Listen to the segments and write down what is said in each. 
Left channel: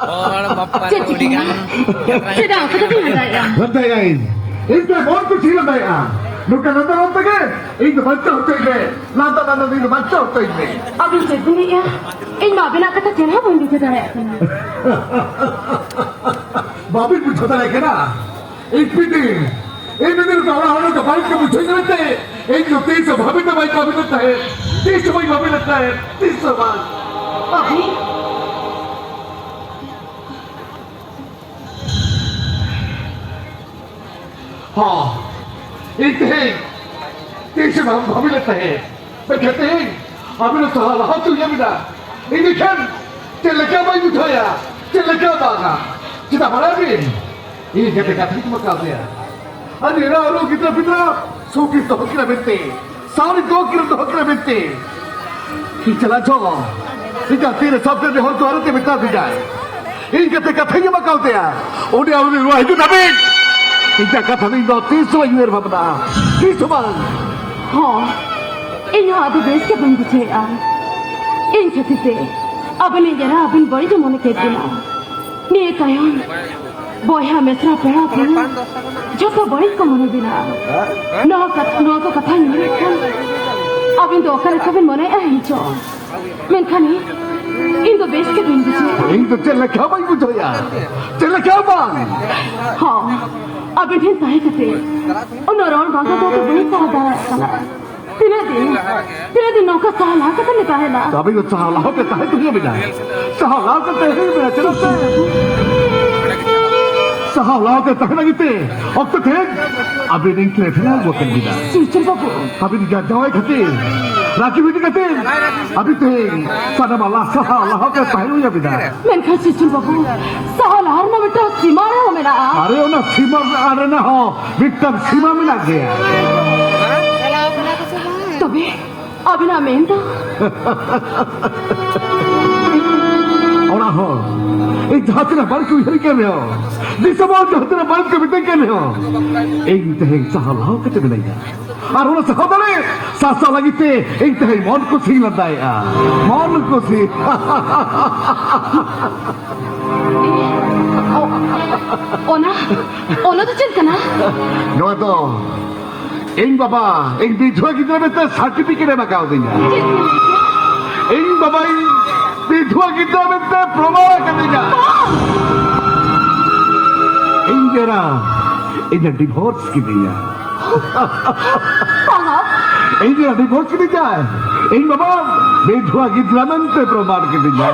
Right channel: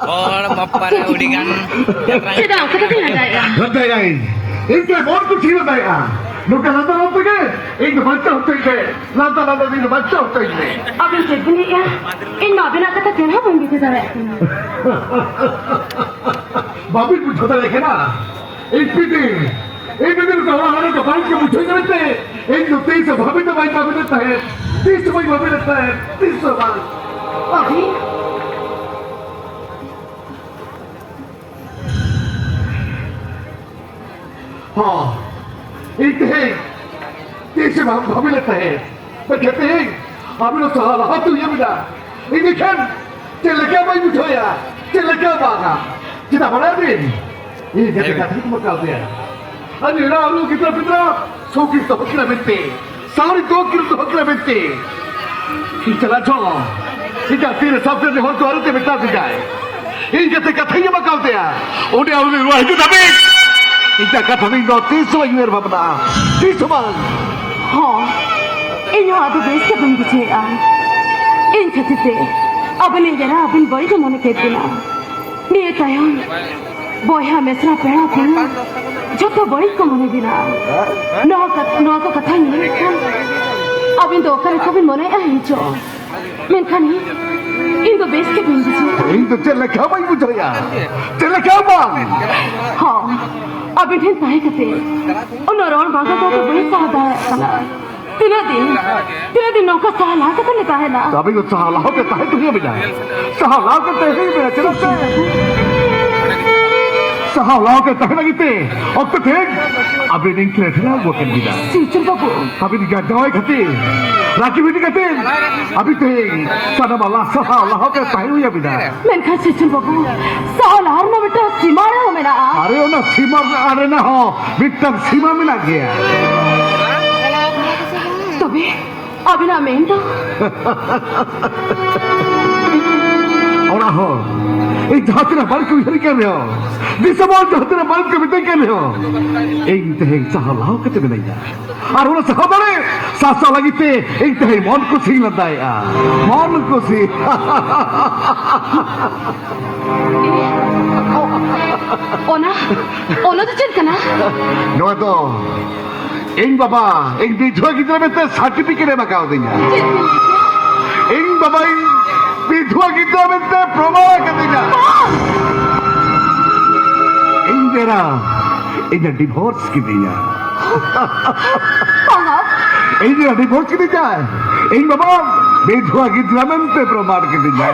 और bapak udah kan Sudah, kita kan ada ya. Lantai Inte mon ko ठीक है यार नुका नंदा नंदा के एक बच्चा होते गए नंदा नंदा दिन बच्चा होते गए अब इन जितनी क्या इन मादना का तो चलो बंदी को जाए बाबी पूछो था लेकिन ना एक पीटी एक दिन का होना का बाइक के मुझे नहीं लगते एक जो 30 भाभी तो बाइक भाभी लगता है 30 भाई भाभी लगता है 30 बार अभी हाँ एक है 30 भाभी लगता है पर कहते हैं अभी तो सहारा हाथ तो ये मिला एक देखें चल क्या भाई उठाया चल क्या बागा kita parabin ini kata kata itu makal dia ani ralu kita pitra soki to hakira bente सारी 2 किलो तो hakira bente चला चलो इधर फिर सब में हो तो औरत के बिता दी जाए ini kata kata ये makal dia udah awal ini wah itu tapi इधर kata ini दो 300 यूर बाबा 300 bang हाँ इन हाथ बेस के बंदी छे यार इन खेती से अब नहीं जरा अब इन बड़ी तो मन कहती ना nih kayang boy mesra pera pera joko boy ko mone dina no ka kathay mone abin do kare kabin mone ahinche men khani indo base ke bindi che indo chela kya bai bujaya chela kya bang ha abin hen tahe kate onoron baga to boy ka da kala तीन दिन नौका सहाला का तो निकाह है ना अभी तो सहाला के तहे तो ये बिना सहाला के तहे ही बिना चलो सहाला के तहे लगी थे अब तो थे अभी दिन के रखना वो कर दिया सीचन बाबू अभी दिया दवाई खाते राखी भी दिखाते अभी थे सारा माला सहाला के तहे ही बिना मैंने कहा सीचन बाबू सहाला हर ना बेटा सीमा ना हो मेरा अरे वो ना सीमा अरे ना हो बिट्टम सीमा में लग गया तभी अभी ना मैं तो और हो एक जातरा बाल को इधर क्या ले हो दिसमों जातरा बाल को इधर क्या ले हो एक तहे सहालाओ के ते मिलेगा और वो सहाबरे सासा लगी थे एक तहे मौन को सी लगा या मौन को सी ओना तो चल करना नो तो इन बाबा इन विधवा की तरफ तो सर्टिफिकेट है मकाओ देंगे इन बाबा इन विधवा की तरफ तो प्रमाण कर देंगे इन जरा इन डिवोर्स की दिया इन जरा डिवोर्स की दिया इन बाबा विधवा की तरफ पे प्रमाण कर देंगे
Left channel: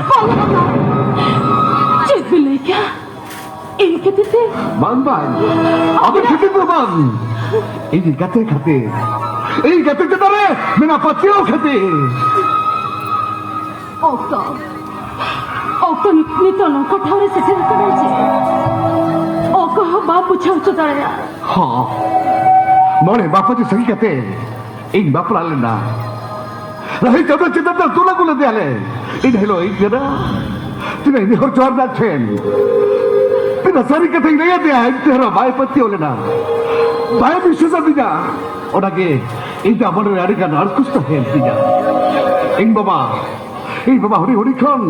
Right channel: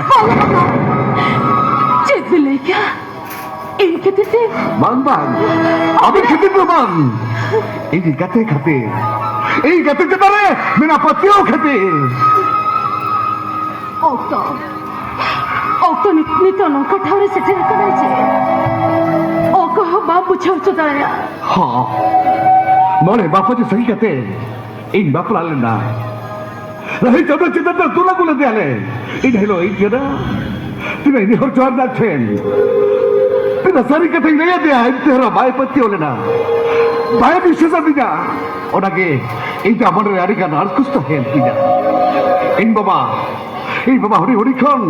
चेक भी ले क्या इनके तो मान अभी कितने प्रमाण ini kate kate ini kate kate mena patio kate औतो निकली तो नौका ठावरे से फिर करायचे औको बाप पूछाव चुकाया हाँ मोरे बापाची सही कते इन बापला आले ना रही जब चिंता तुला कुले दे आले इन हेलो इन जरा तिने नि हर जोर ना ठेन तिने सारी कते नहीं दे है तेरा भाई पति होले ना भाई विशेष दिया ओडाके इन का मन रे आरी का नार कुछ तो है दिया इन बाबा हरी हरी खान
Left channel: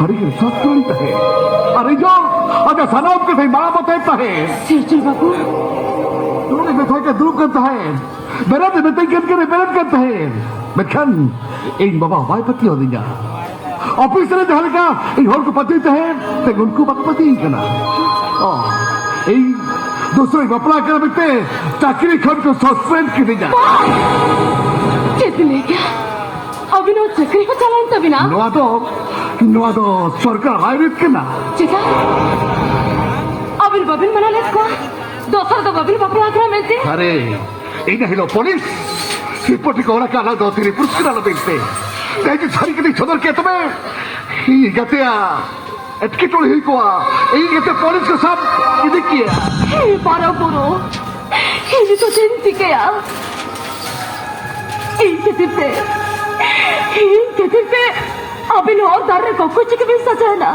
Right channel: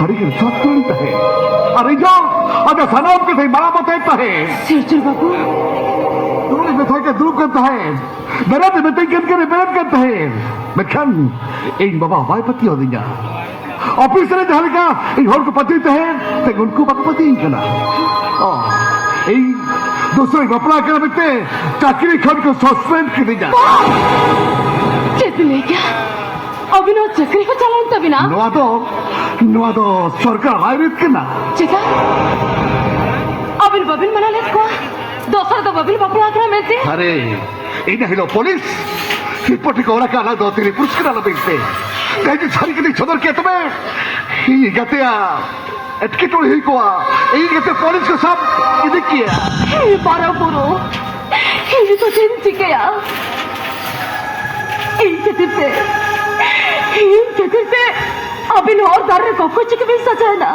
हरी के साथ तो है अरे जाओ अब सनाब को थे मां बताता है सीचन बाबू तू देखा के दूर करता है मेरा तो बेटे के रिपेयर करता है मैं खान इन बाबा भाई पति हो दिया ऑफिस रे जहल का इन हर को पति तो है तो उनको पति ही करना इन दूसरे बपला के बेटे चाकरी खान को सस्पेंड कर दिया चेक ले क्या अभी ना चक्री को चलाऊं तभी ना नुआ तो सरकार हाईवे के ना चिका अभी बबिन बना लेता दोसर तो बबिन बपला के मिलते अरे इन्हें हिलो पुलिस ऊपर को औरा का ना दो तीन पुलिस के ना देखते कहीं सारी के लिए छदर के तुम्हें ये कहते हैं एटके तो ही को ये कहते पुलिस के साथ ये किया ये बारा बोलो ये तो चिंती किया इनके दिल अभी और बार को कुछ भी सचा ना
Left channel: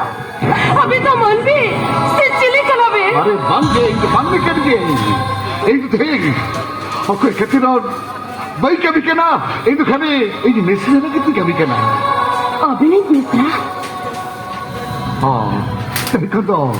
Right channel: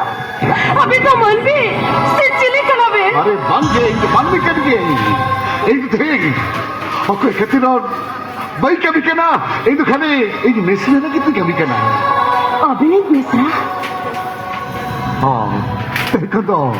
अभी तो मन भी चिली कलावे अरे बंद भी कर दिए एक देख ओके कितना भाई कभी कहना एक खाने एक मिसले ना कितनी कभी कहना अभी एक मिसले 아, 그래도